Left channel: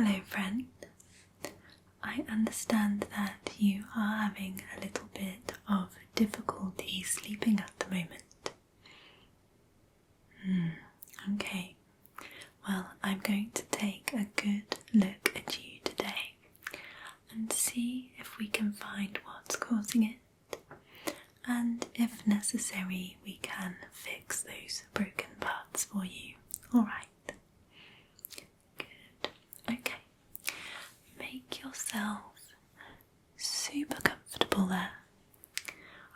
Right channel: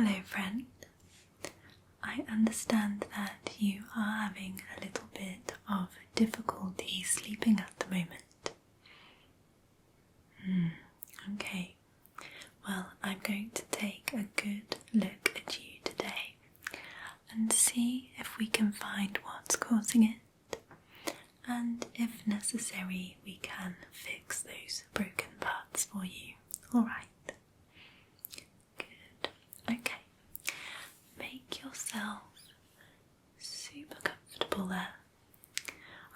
Hello, friend. I understand that you are having a little bit of difficulty sleeping at the moment. Okay. Well, I'm going to take a good look at you today and see if we can find what's causing it, and if necessary we can fix those broken parts for you. Alright. Good. Okay. Make yourself super comfortable there.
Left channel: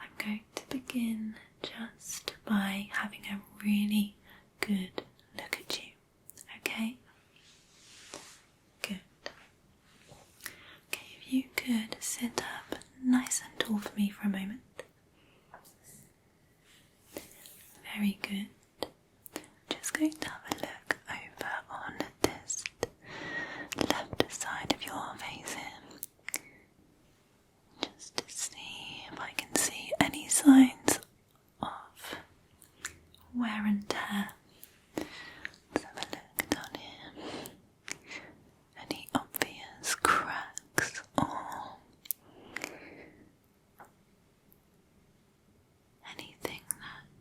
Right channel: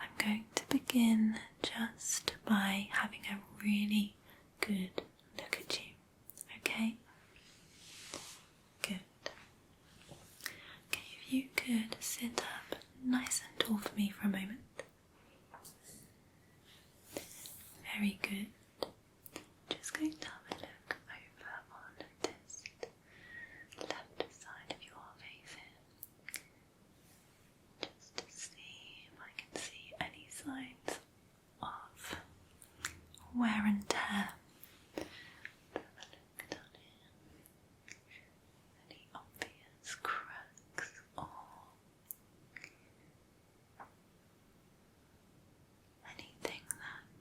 I'm going to begin just by having a really good look at you. Okay? Good. Okay, if you could sit up nice and tall for me for a moment. Very good. Just going to have a look over on this left side of your face here. Just to see if I can see any signs of wear and tear. Let's have a look down here. Any obvious cracks or anything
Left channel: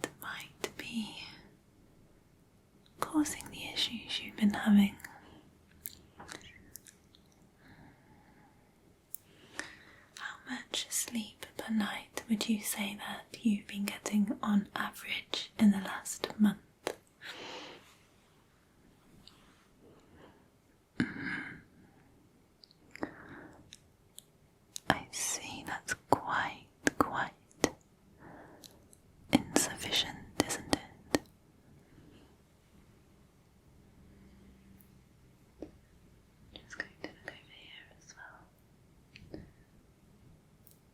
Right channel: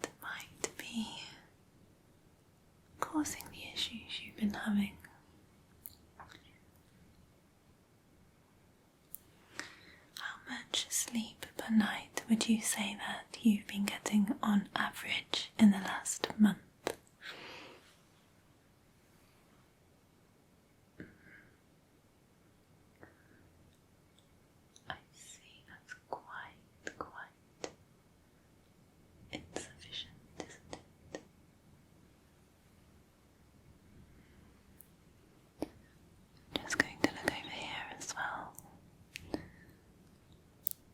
that might be causing the issues you've been having? How much sleep per night would you say that you've been getting on average in the last month? I see, that's quite insufficient, isn't it? Just going to look over here as well.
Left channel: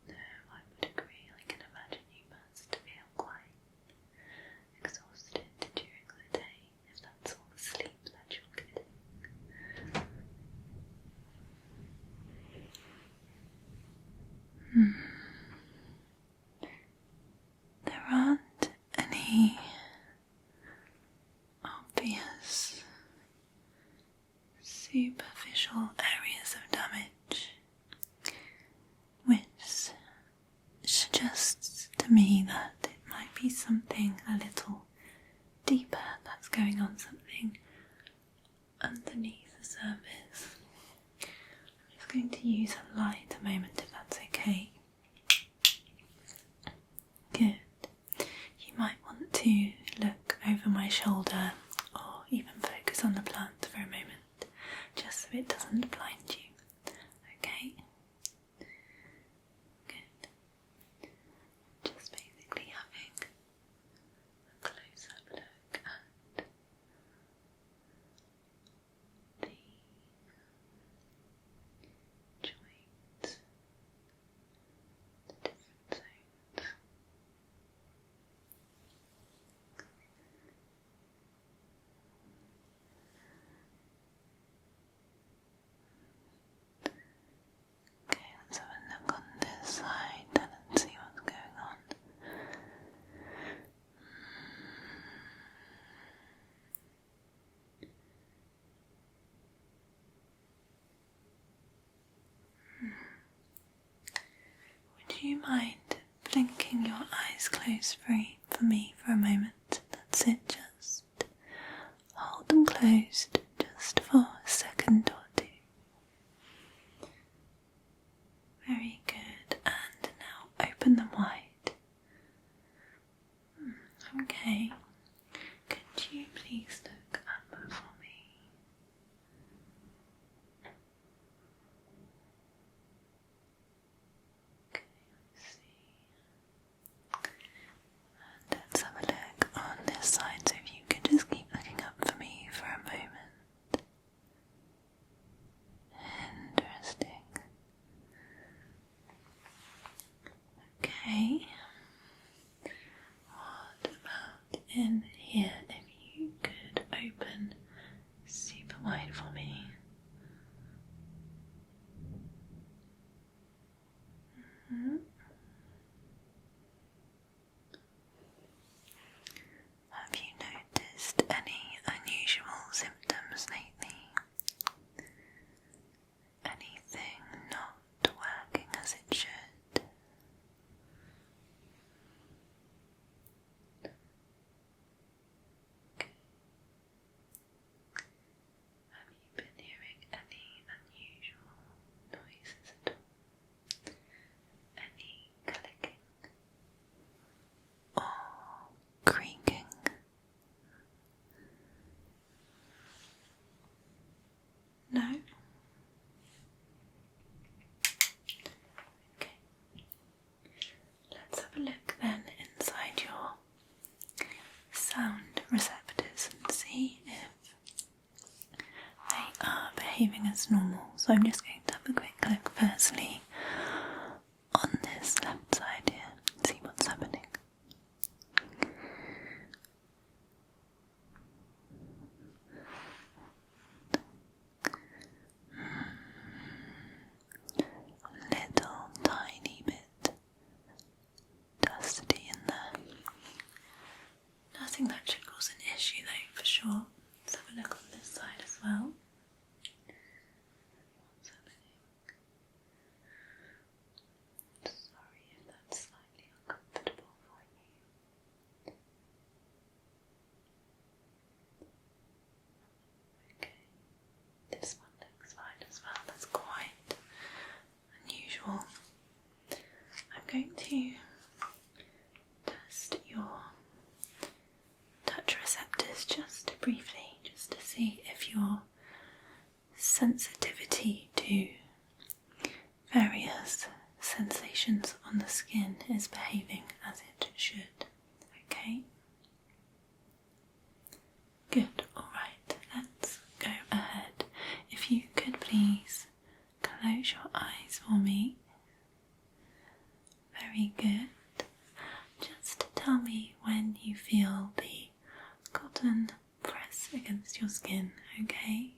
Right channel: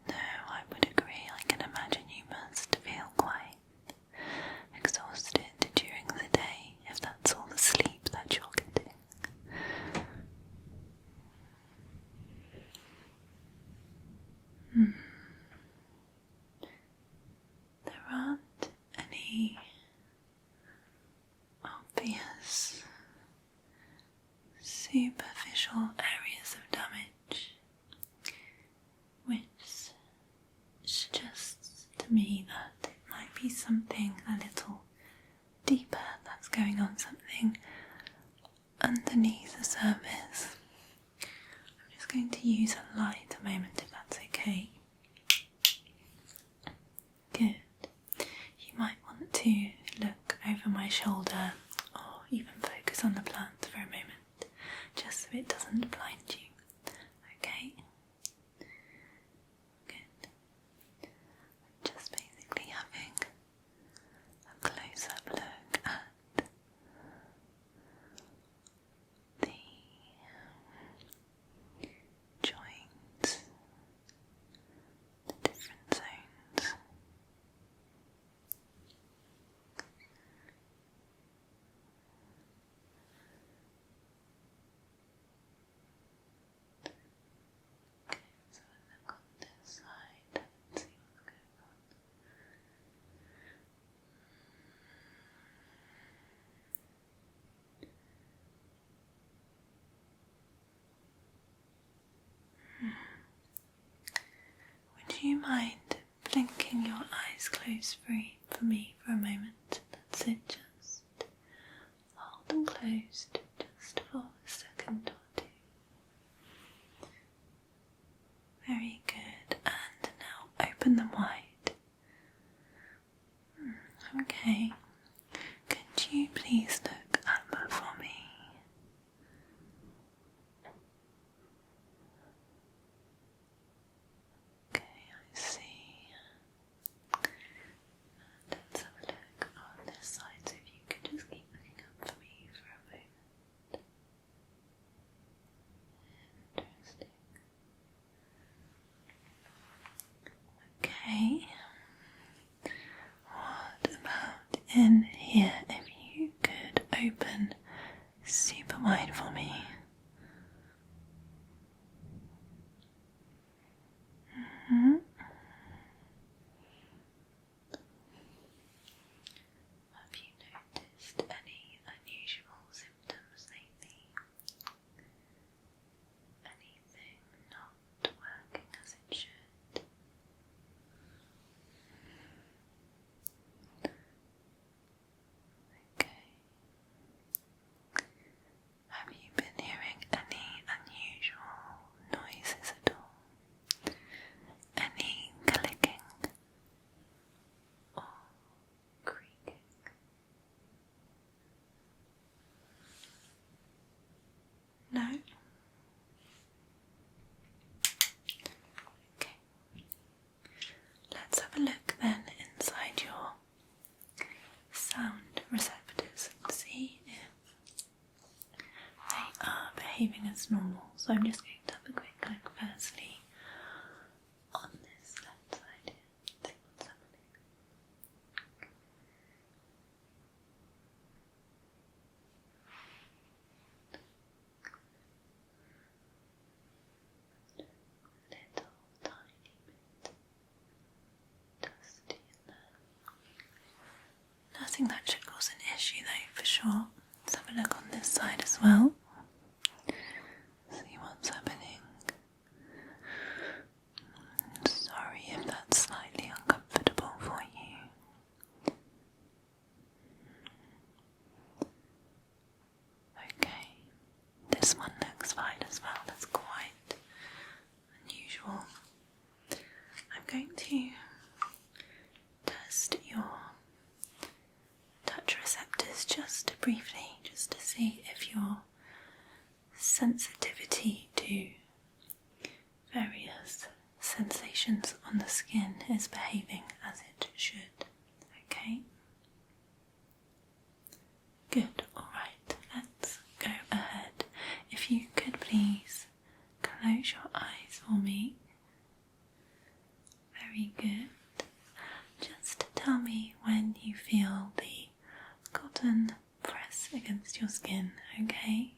No, I would agree. I can imagine you must feel quite exhausted during the day if that's all the sleep that you're getting. There aren't any obvious superficial areas of damage, which suggests to me that it might be something a little deeper that's going on, something underneath the surface. I'm just going to use a light a moment if that's okay. Good. You might want to look over my shoulder or even focus on the plant for a moment, just so it doesn't blind you. Okay? Good. Just basically having a close-up look at the joints, the different zones. Okay, let's have a look on this side and see what's going on. Would you mind blinking your eyes closed for me for a moment? That's it, just hold them closed just for a second or two. Very good, and now open them wide. Okay, could you please look up for me? Okay, I see. Let's have a look on this side, so if you could just keep looking up for me for a moment. Interesting. Okay. What about in here? If you could open super wide for me. Have you noticed any unusual symptoms lately? No? Okay. Let's have a look then inside your sound receptors and see if they are behaving as normal. So I'm just going to have a quick look firstly on this left side here and see what's happening. Little tiny bit dusty in there. Nothing that should cause an issue though, for sure. Let's have a look on this side as well. See what's happening. Sorry if that's slightly uncomfortable for you. Okay, this one looks fine as well. That's quite unusual. I'm going to test your touch receptors just briefly, just to see if your sensitivity to various sensations on the skin is behaving as it should. Okay? Good, alright, let's go ahead. If you could please close your eyes for me. Very good. Just tell me when you feel the cotton press against your skin, okay?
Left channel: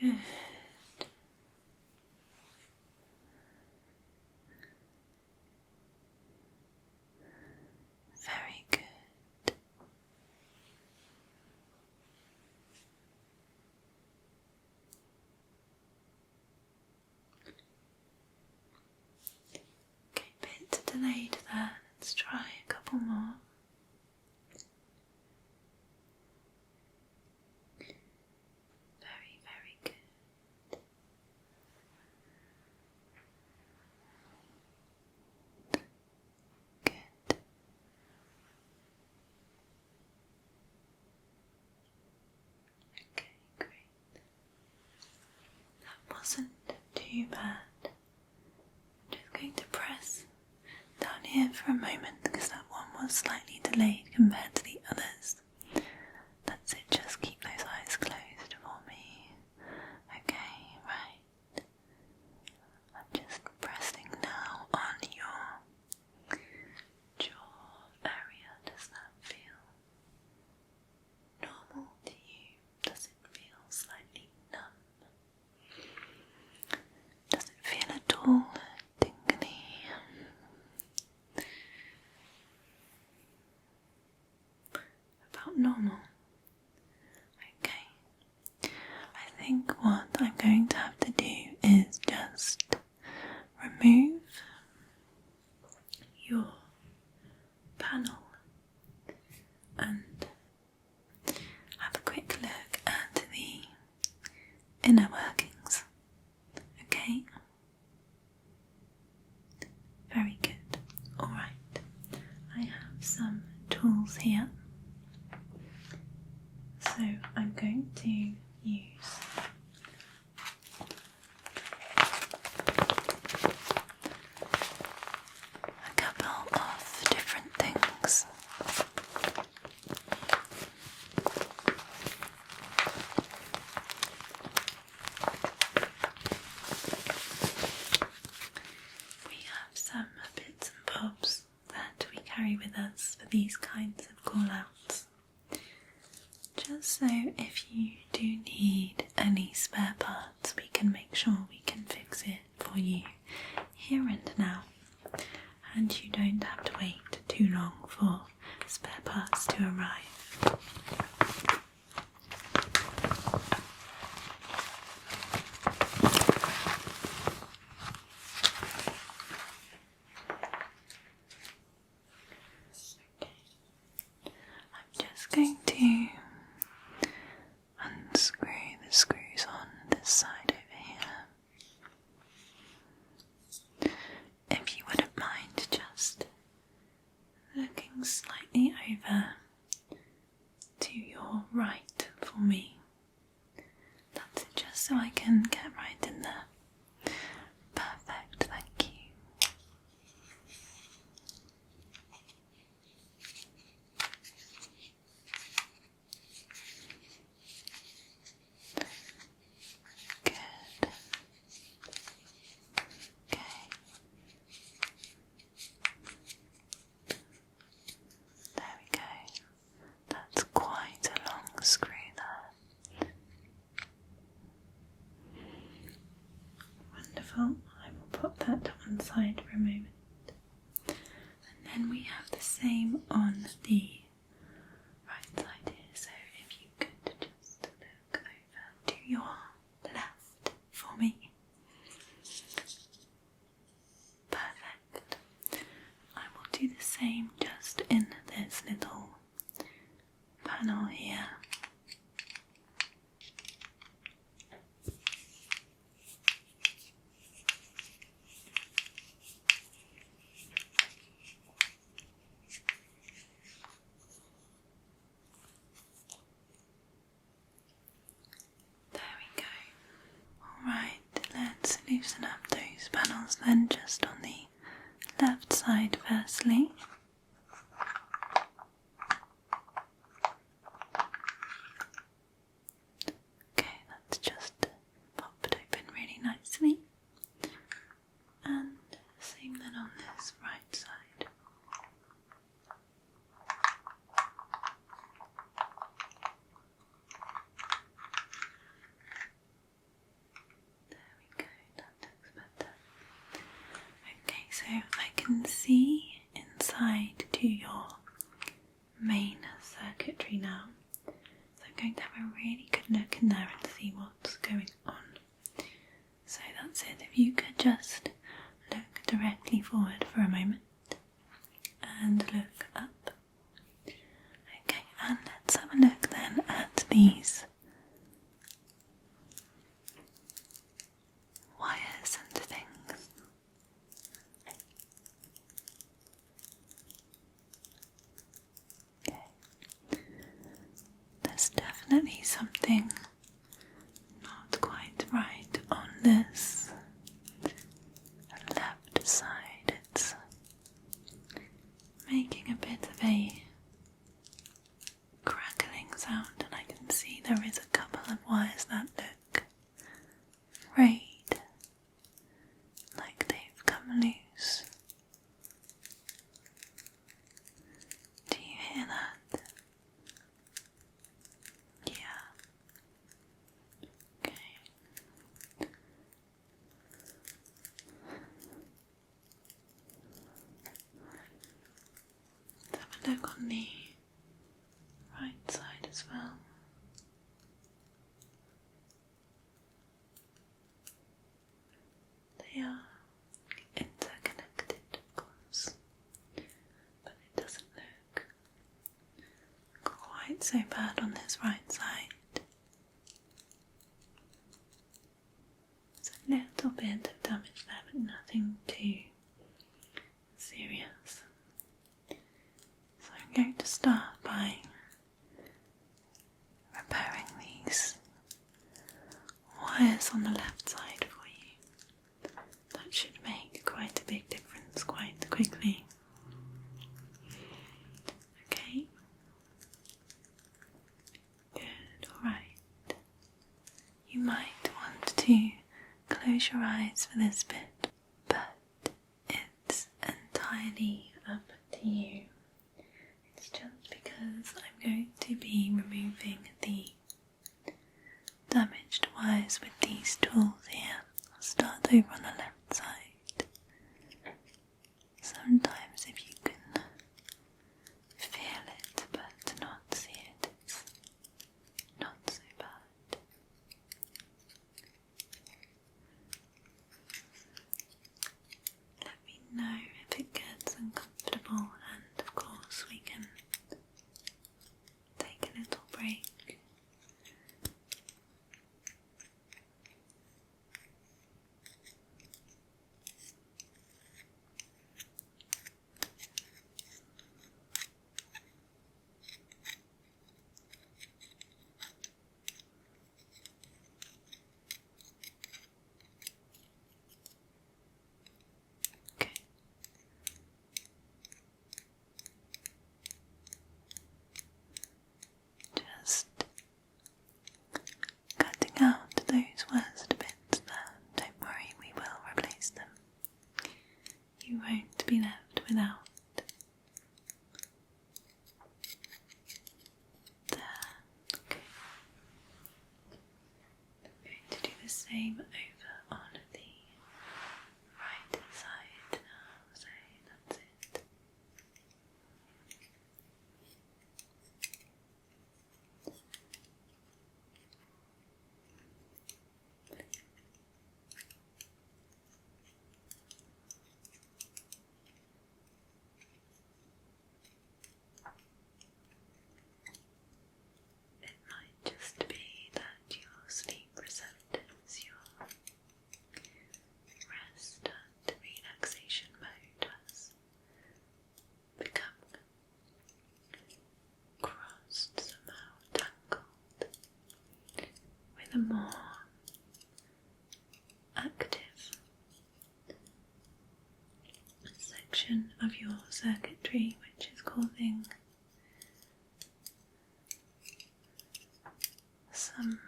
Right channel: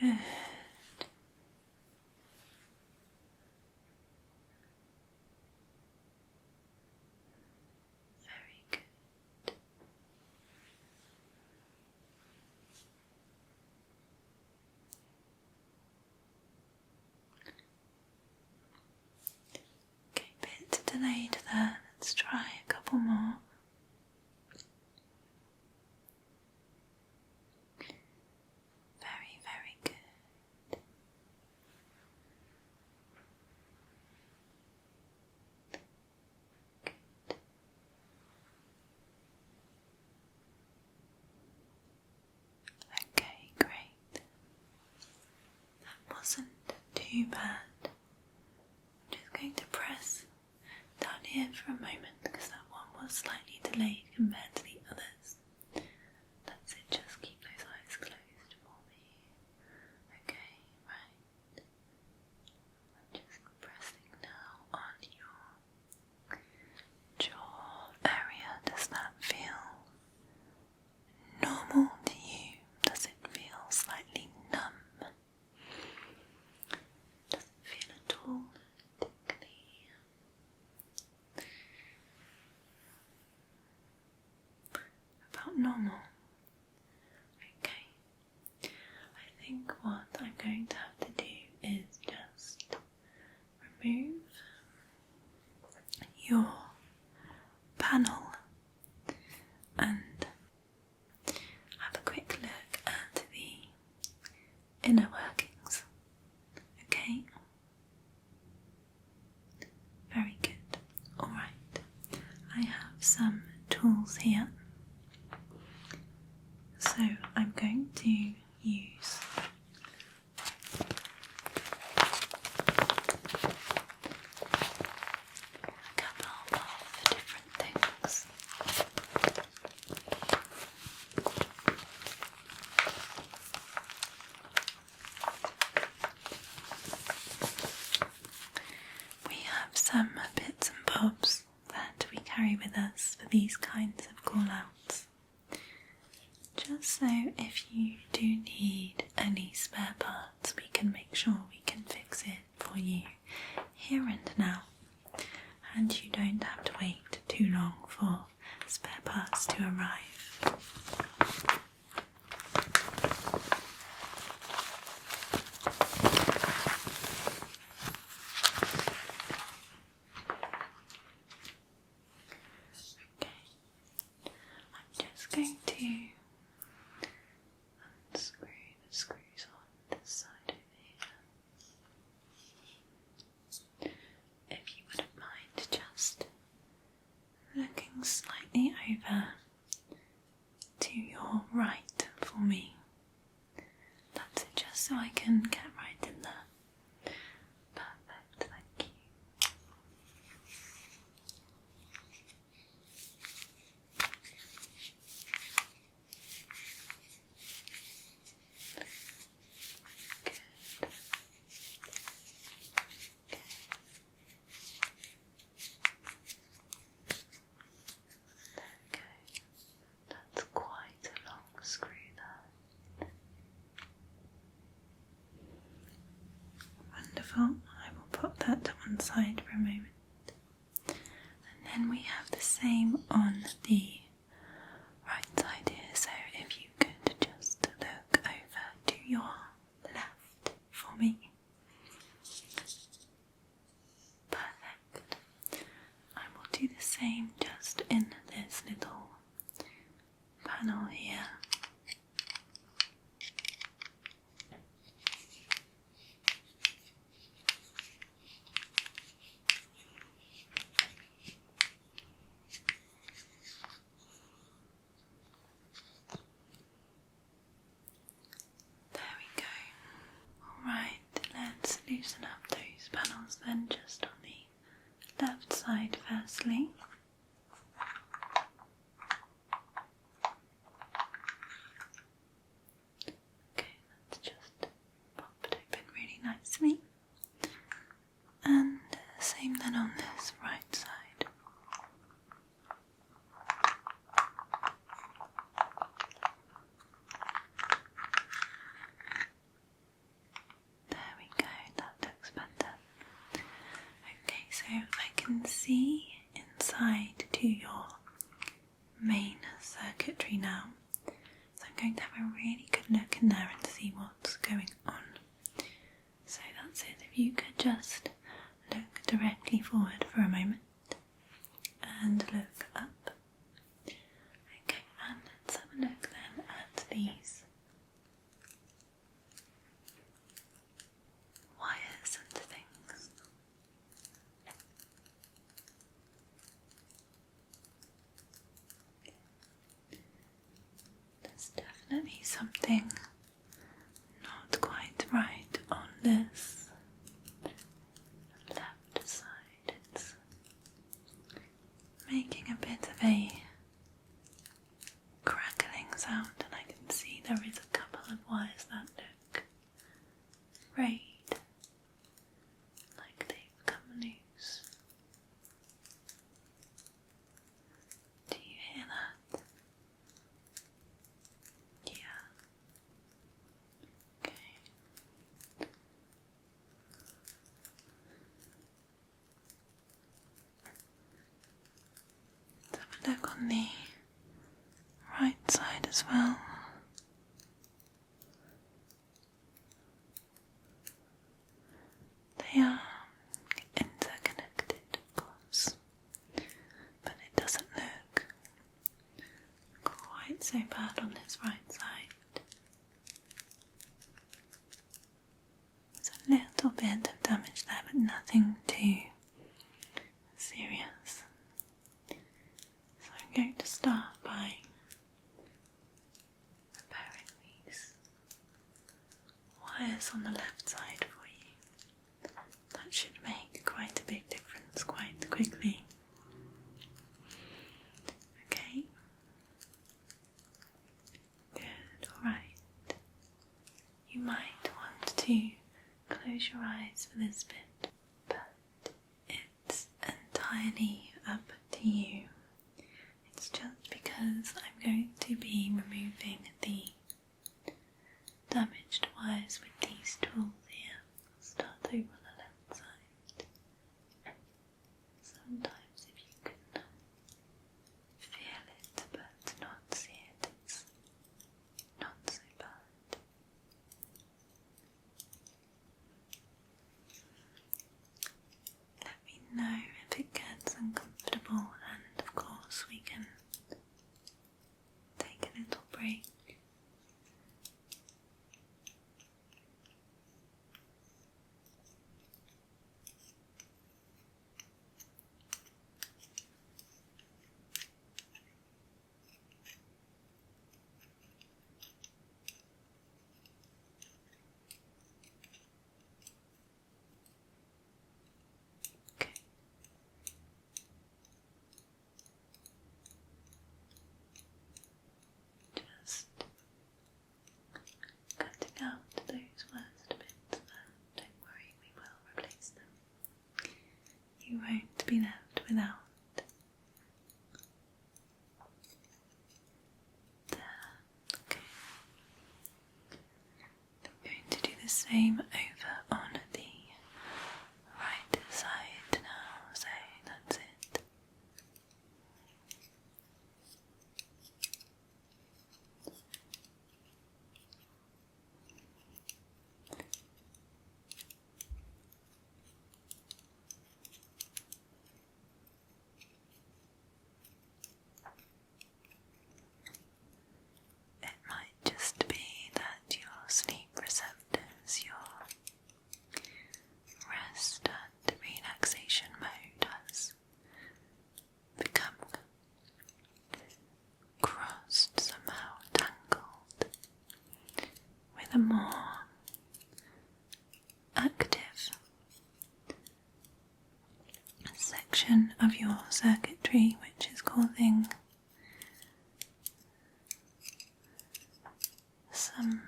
Good. Very good. Okay, bit delayed there. Let's try a couple more. Very, very good. Good. Okay, great. That wasn't too bad. I'm just going to press down here for a moment because that one was slightly delayed compared to the others. That's it, just keep those eyes closed for me. Okay, right. I'm just pressing now on your jaw area. Does that feel normal to you? Does it feel slightly numb? Does it feel at all tingly? About normal. Okay. I think what I'm going to have to do is just remove your panel and have a quick look at the inner workings. Okay? Very good. Alright. I have some tools here. So I'm going to use a couple of different things. We have some bits and bobs that we carry with us for these kinds of call-outs. Just so if you do need any spare parts, we can make sure we can fix it for you here and now, and you don't have to wait too long for spare parts to arrive. I'm just going to unscrew the screws on this side over here. If you wouldn't mind just looking slightly over to your right for me. That's it, just so I can get right in there. Perfect, thank you. Good. Okay. There we go. That's quite a long screw there. Wonderful. I will pop that to one side for a moment. And then we have the same on the right side here. So if you could just look over to your left for me. Perfect. I will do the same just in this little panel here. There we go. Alright, let's loosen up those panels then, just on the left side firstly. Okay, that's just popped open really nicely. And same then on this right side. There we go, that looks better. Okay, so I can see inside to your main circuitry now. So I'm going to have a really good look in there and see what's going on. So that's it. If you could just look directly forward for a moment and look up. Okay, and let's have a look then at these wires and things. Okay. There's definitely something not quite right on this left side. It's making a bit of a crackling sound, and I can see there is a couple of wires that look frayed, like they've come loose. Do you hear that? Yeah. Okay. Let's have a look on the right side as well. They are interconnected, of course, but it doesn't look quite so bad on this right side. There's a little bit of damage there, but nothing too serious. So I'm going to start by repairing these wires on the left side for you. That should make quite a big difference quite quickly. Okay. Good, alright. You might want to close your eyes for this bit, but it's entirely up to you. It's just because I'm going to be removing the damaged wires with these tools here. I'll start over on the left side. Sometimes if you can feel it but not see it, it's not so bad. Let me know if it gets uncomfortable, and of course we can take a little break. Same over on the right side now, so that's it. It might just be that your sleep receptors, your rest and relaxation mode has become crossed, somehow tangled with a more active section of your circuitry, which is causing some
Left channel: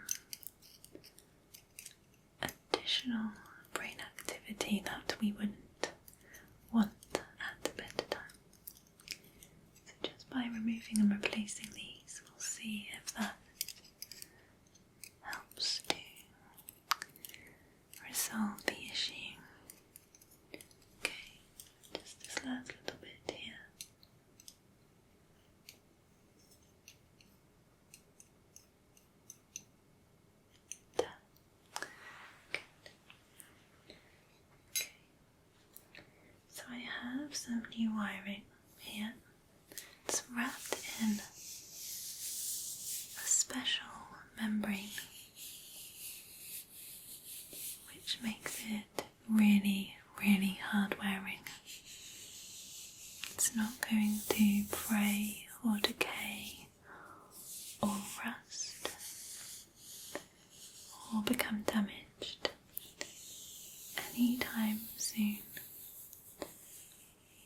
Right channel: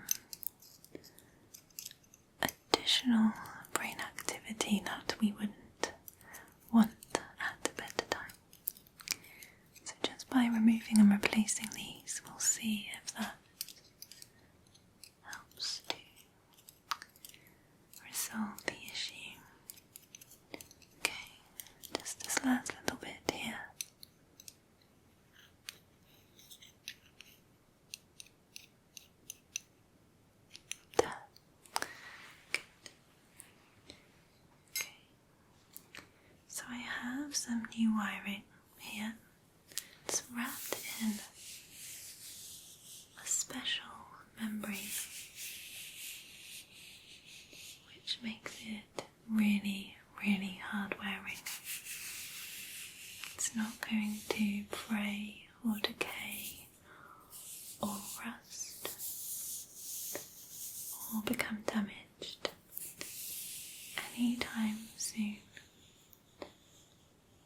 additional brain activity that we wouldn't want at bedtime. So just by removing and replacing these, we'll see if that helps to resolve the issue. Okay, just this last little bit here. So I have some new wiring here. It's wrapped in a special membrane, which makes it really, really hard wearing. It's not going to fray or decay or rust or become damaged anytime soon.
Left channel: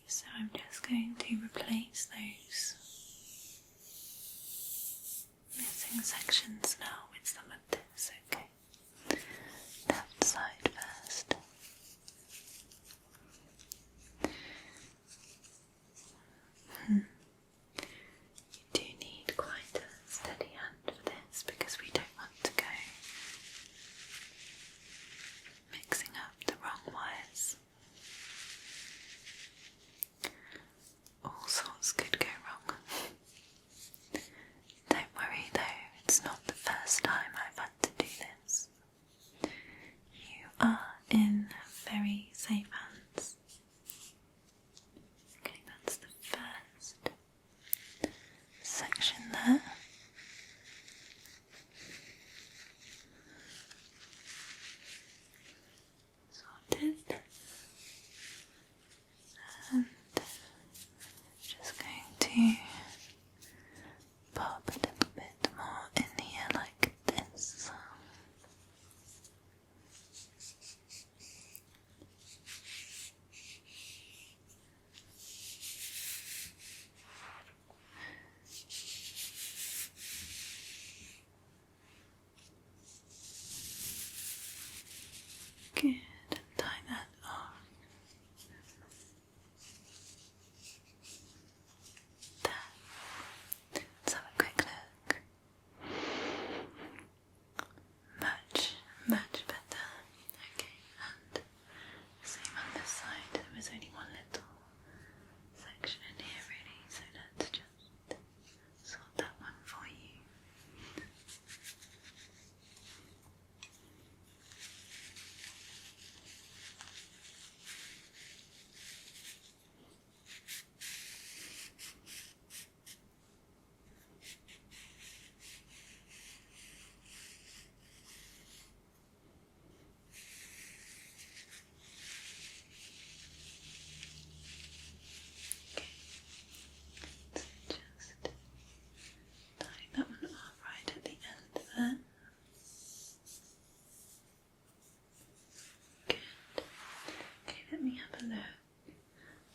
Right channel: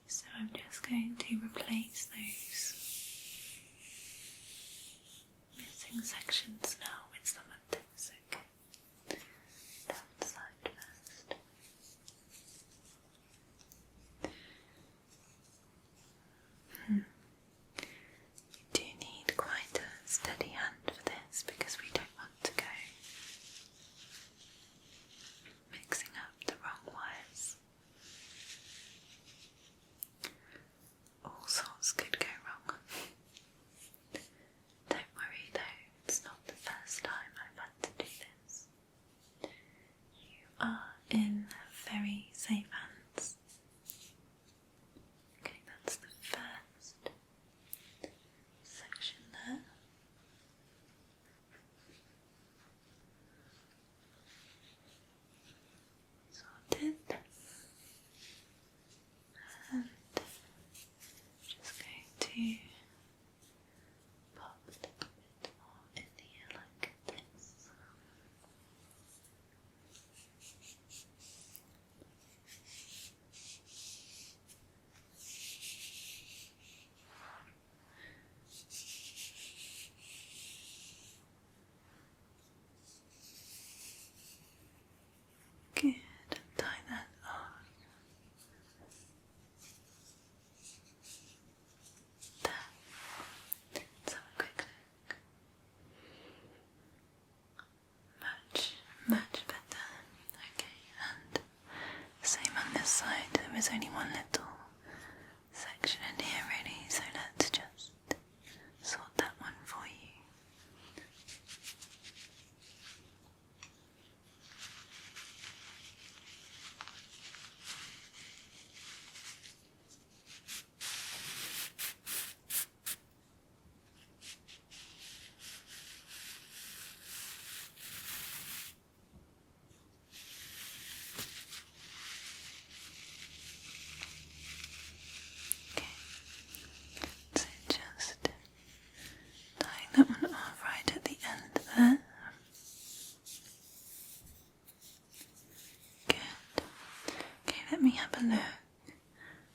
So I'm just going to replace those missing sections now with some of this, okay? Left side first. You do need quite a steady hand for this because we don't want to go mixing up the wrong wires. All sorts could go wrong. Don't worry though, it's not the first time I've had to do this. You are in very safe hands. Okay, that's the first section there. Sorted. And just going to pop a little bit more in here like this. Good, and tie that on. There. Let's have a quick look. Much better. Okay, and same on this side. There was only one little section in here really, so let's just sort that one for you. So just tying that one off right at the end there. Good. Okay, let me have a look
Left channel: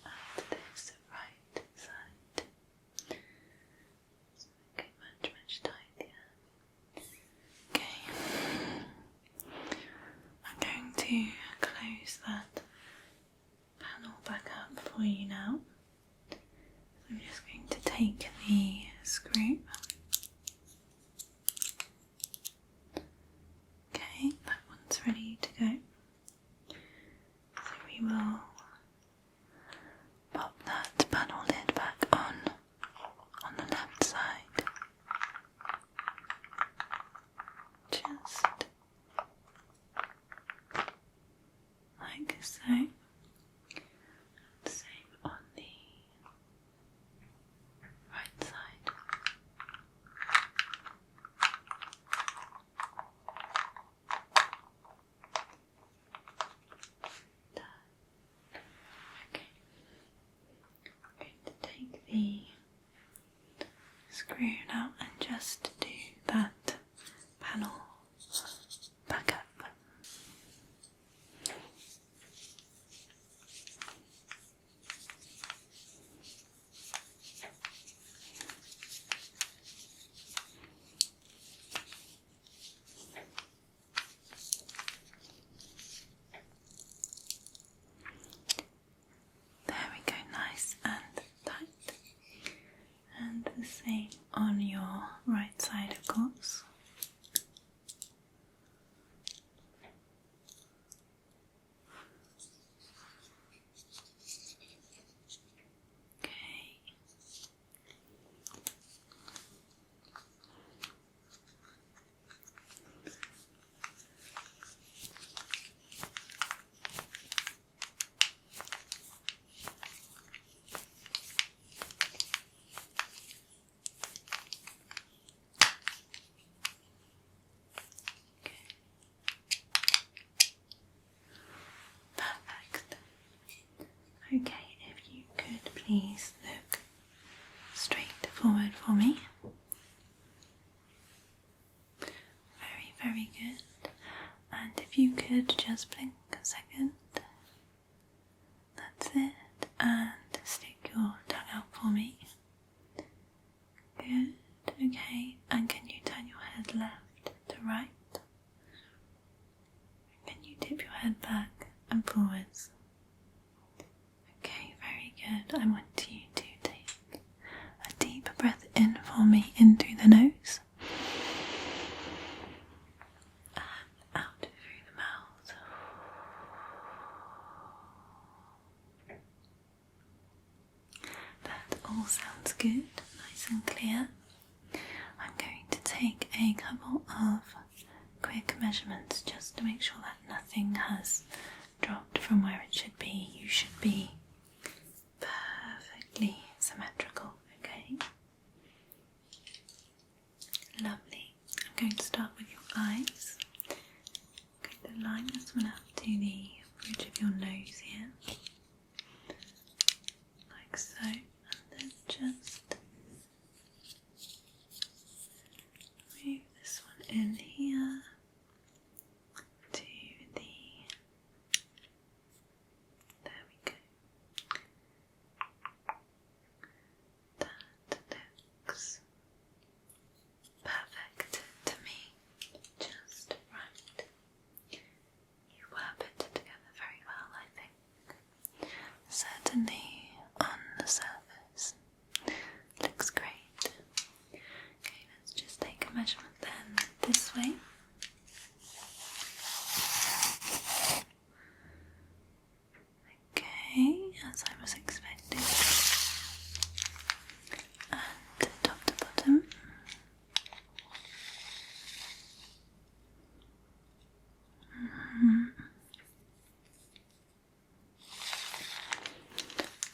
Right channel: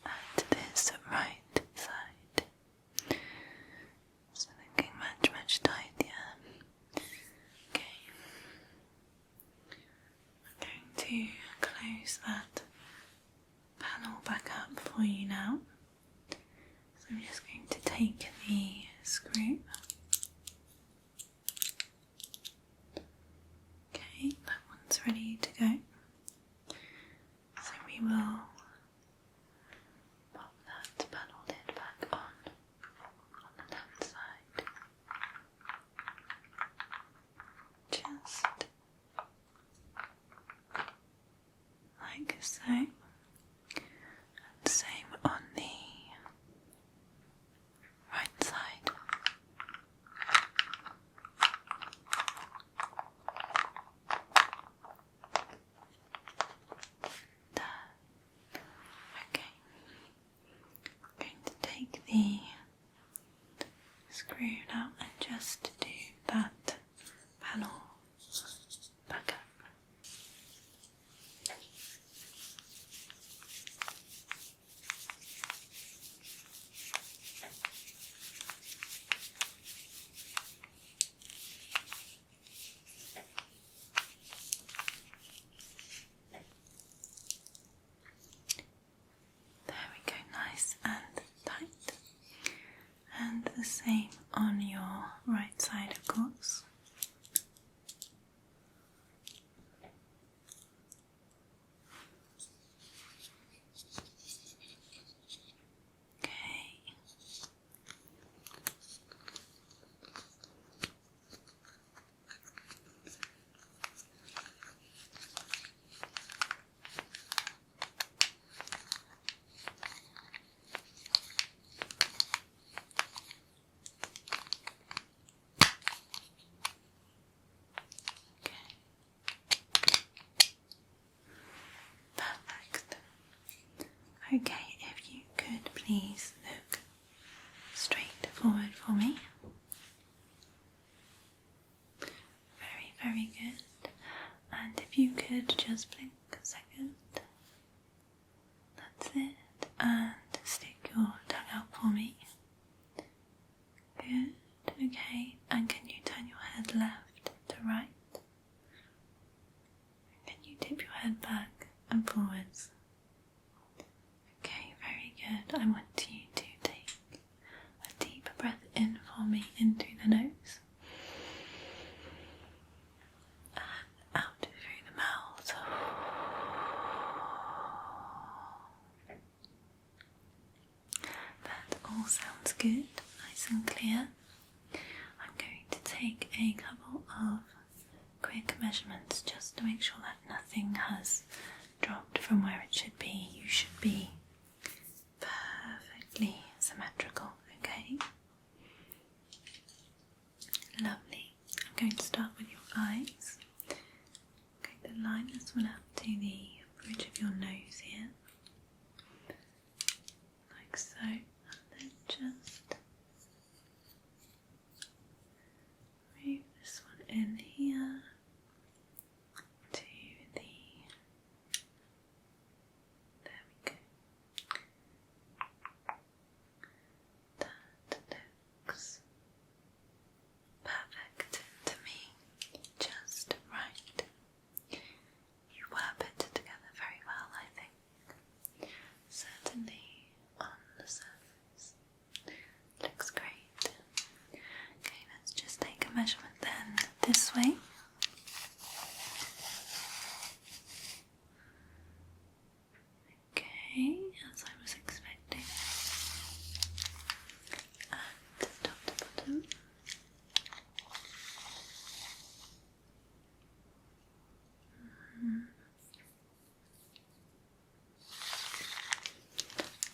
at this right side. So looking much tidier. Okay. I'm going to close that panel back up for you now. So I'm just going to take the screw. Okay, that one's ready. screw now and just do that panel back up. There we go, nice and tight. And the same on your right side, of course. Okay. Perfect. Okay, if you could please look straight forward for me. Very, very good. And if you could just blink a second. That's it. And stick your tongue out for me. Good. Okay. And can you turn your head left to right? Can you tip your head back and forwards? Okay, very good. I want you to take a deep breath in for me into the nose and out through the mouth. That all sounds good, nice and clear. I'm going to take a couple of quick measurements just to make sure that nothing has dropped from where it should be. You should be perfectly symmetrical, okay? Lovely. I'm going to start with your eyes. I'm going to line this one up to the bridge of your nose here, like so, and then just move this one in here to the, there we go. That looks perfect to me, just right. You were put together very well, I think. Certainly on the surface. Looks great. Okay, let's just take a measurement then this way. Okay, as I was expecting. And top to bottom.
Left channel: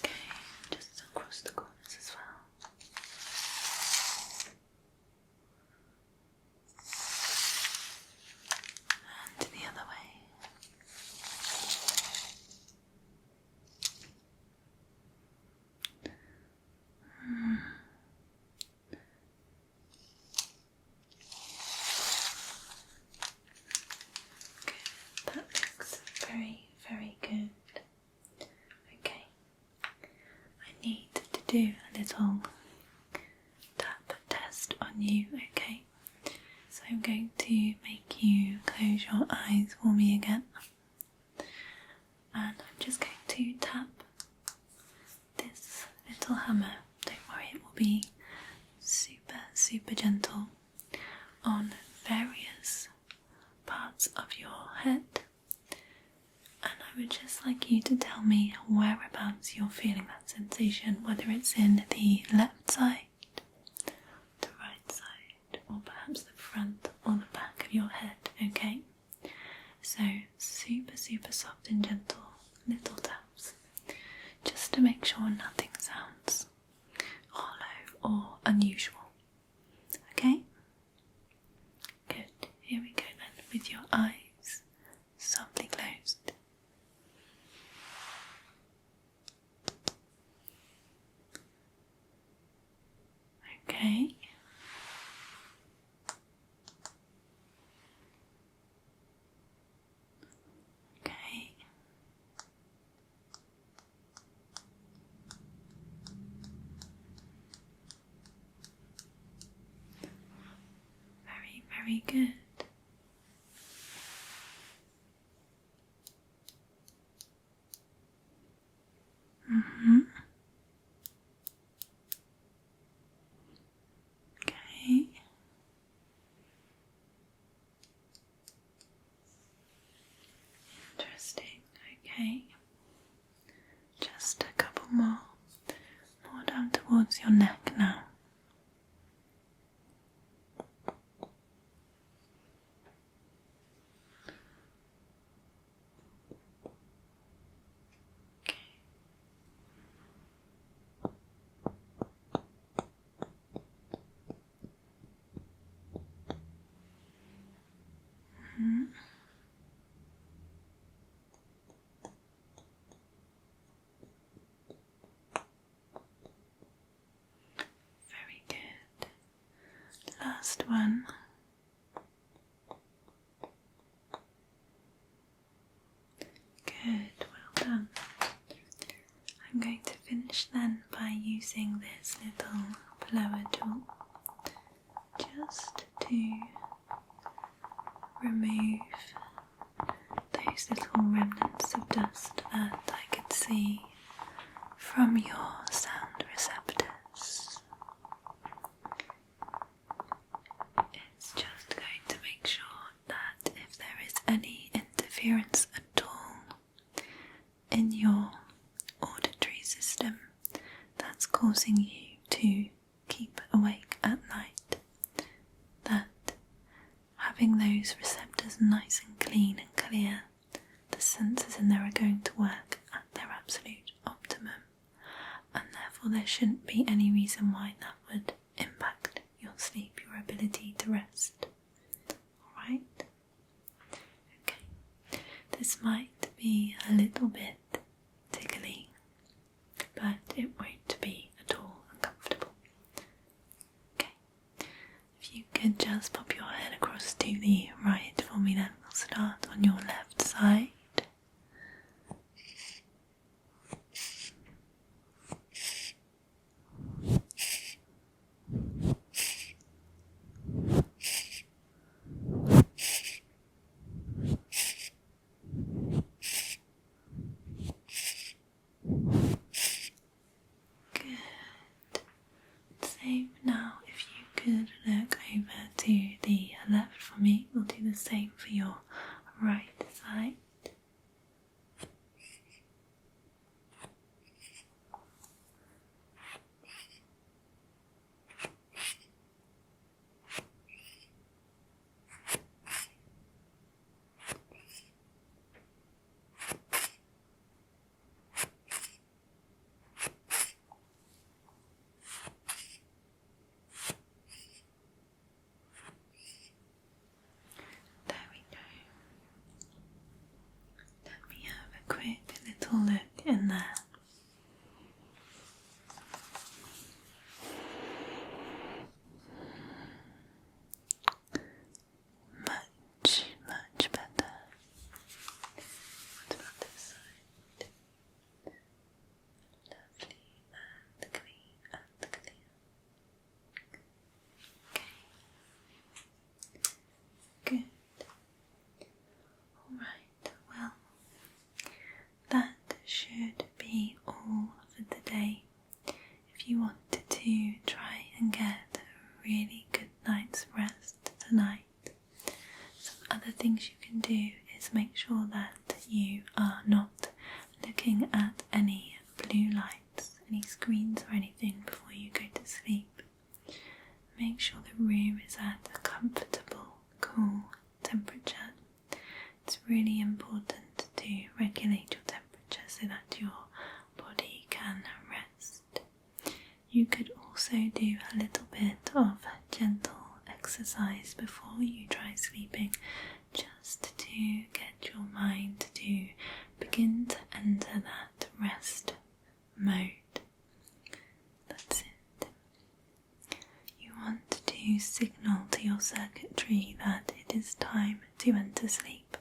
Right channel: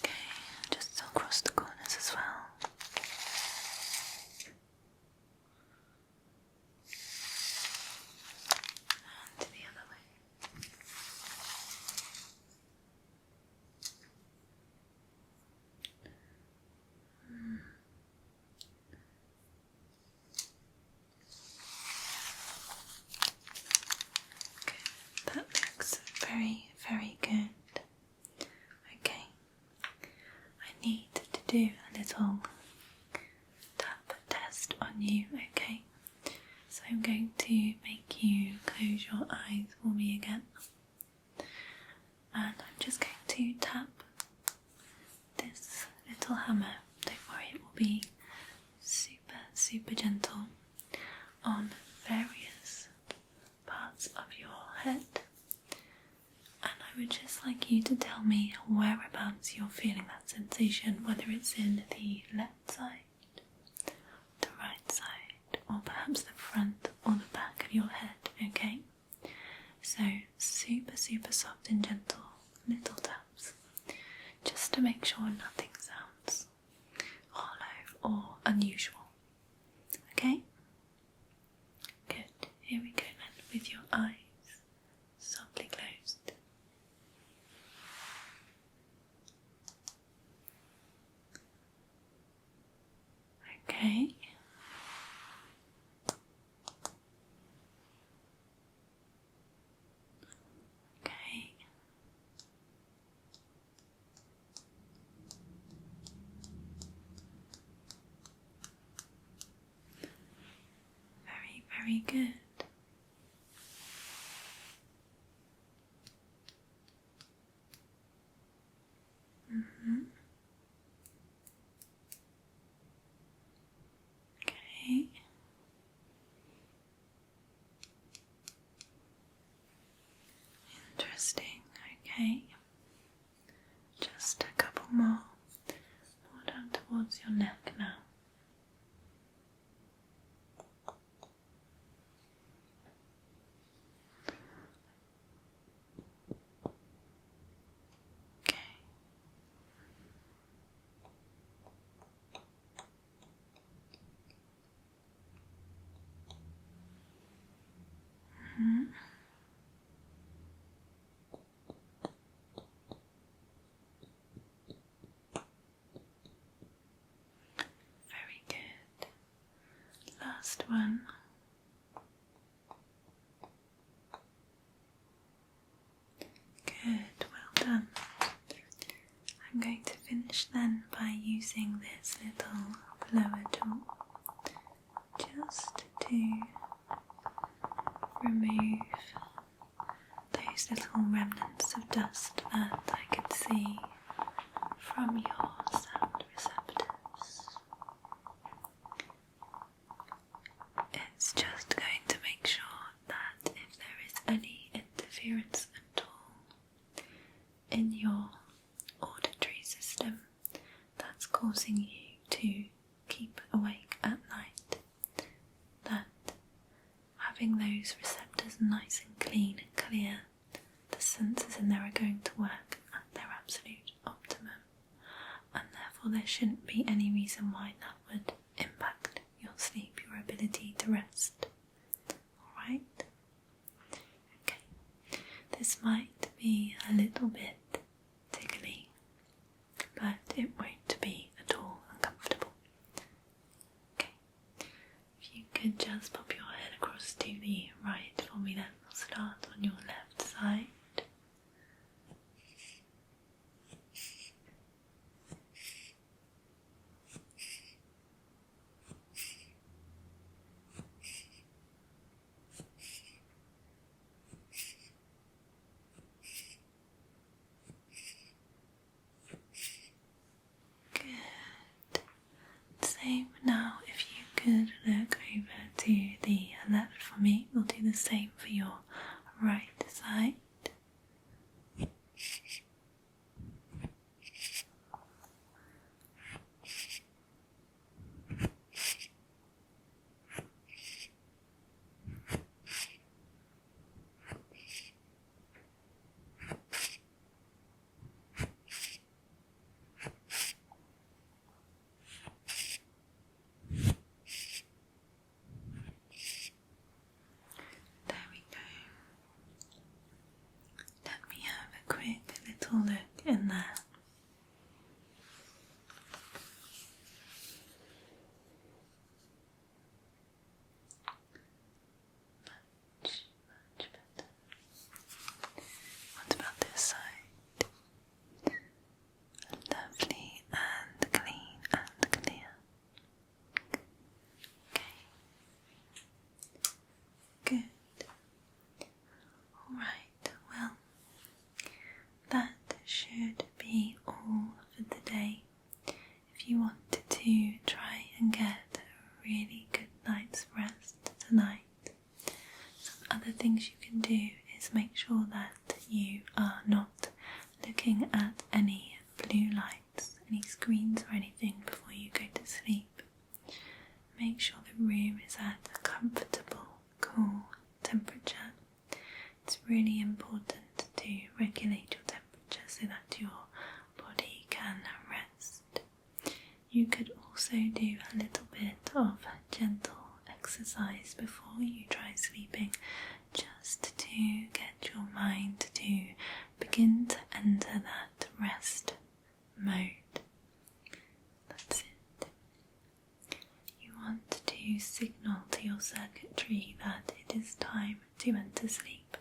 Okay, just across the corners as well. And the other way. Good, that looks very, very good. Okay, I need to do a little tap test on you, okay? So I'm going to make you close your eyes for me again. And I'm just going to tap this little hammer. Don't worry, it will be super, super gentle on various parts of your head. And I would just like you to tell me whereabouts you're feeling that sensation, whether it's in the left side, the right side, or perhaps the front or the back of your head, okay? So super, super soft and gentle little taps, just to make sure nothing sounds hollow or unusual, okay? Good, here we go then, with your eyes softly closed. Okay. Okay. Okay. Very, very good. Okay. Interesting. Okay. Just a couple more down towards your neck now. Okay. Very good. Last one. Good, well done. I'm going to finish then by using this little blower tool just to remove those little remnants of dust that I could see from your sound receptors. It's just going to make sure that if there is any interference at all in your auditory system that's causing you to keep awake at night, that having those receptors nice and clean and clear, the sensors in there are going to work at their absolute optimum, and therefore there shouldn't be any reason why that would impact your sleep, your ability to rest. Alright? Okay. This might be a little bit tickly, but it won't be at all uncomfortable. Okay. If you could just pop your head across to the right for me, then we'll start on your left side. Same now, if you could look over to the left for me, we'll do the same for your right side. Quick little look in there. Much, much better. What about this side? Lovely and clean and clear. Okay. Good. Alright, well, that should be all for the day. If you wanted to try and get a really good night's rest tonight, some other things you can do is make sure that you are not looking at any blue lights, any screens or anything before you go to sleep. Make sure the room is at a comfortable, cool temperature. It's really important to regulate your temperature so that your body can rest. You could also do a little bit of gentle exercise before you try sleeping, just to get your mind to begin to enter that rest mode. That's it. to signal to your circuitry that it is time to enter sleep.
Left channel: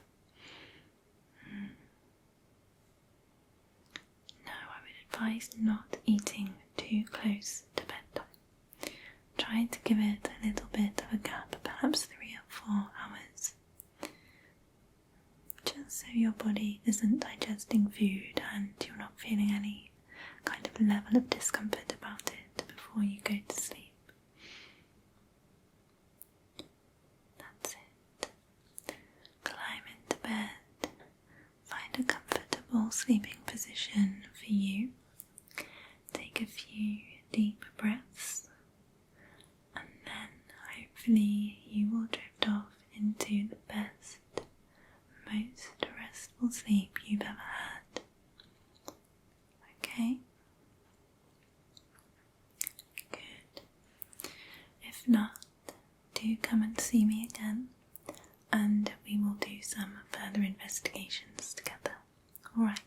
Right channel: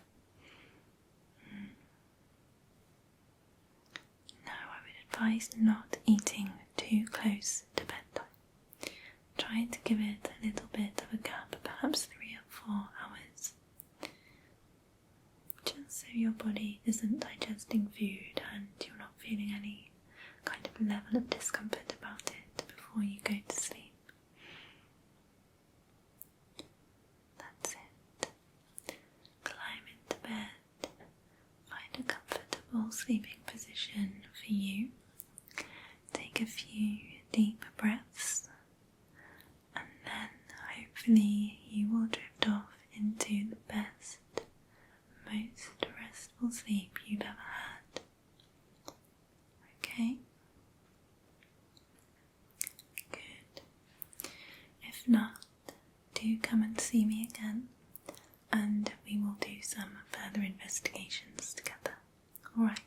Now I would advise not eating too close to bedtime. Try to give it a little bit of a gap, perhaps 3 or 4 hours. Just so your body isn't digesting food and you're not feeling any kind of level of discomfort about it before you go to sleep. That's it. Climb into bed. Find a comfortable sleeping position for you. Take a few deep breaths, and then hopefully you will drift off into the best, most restful sleep you've ever had. Okay? Good. If not, do come and see me again, and we will do some further investigations together. Alright.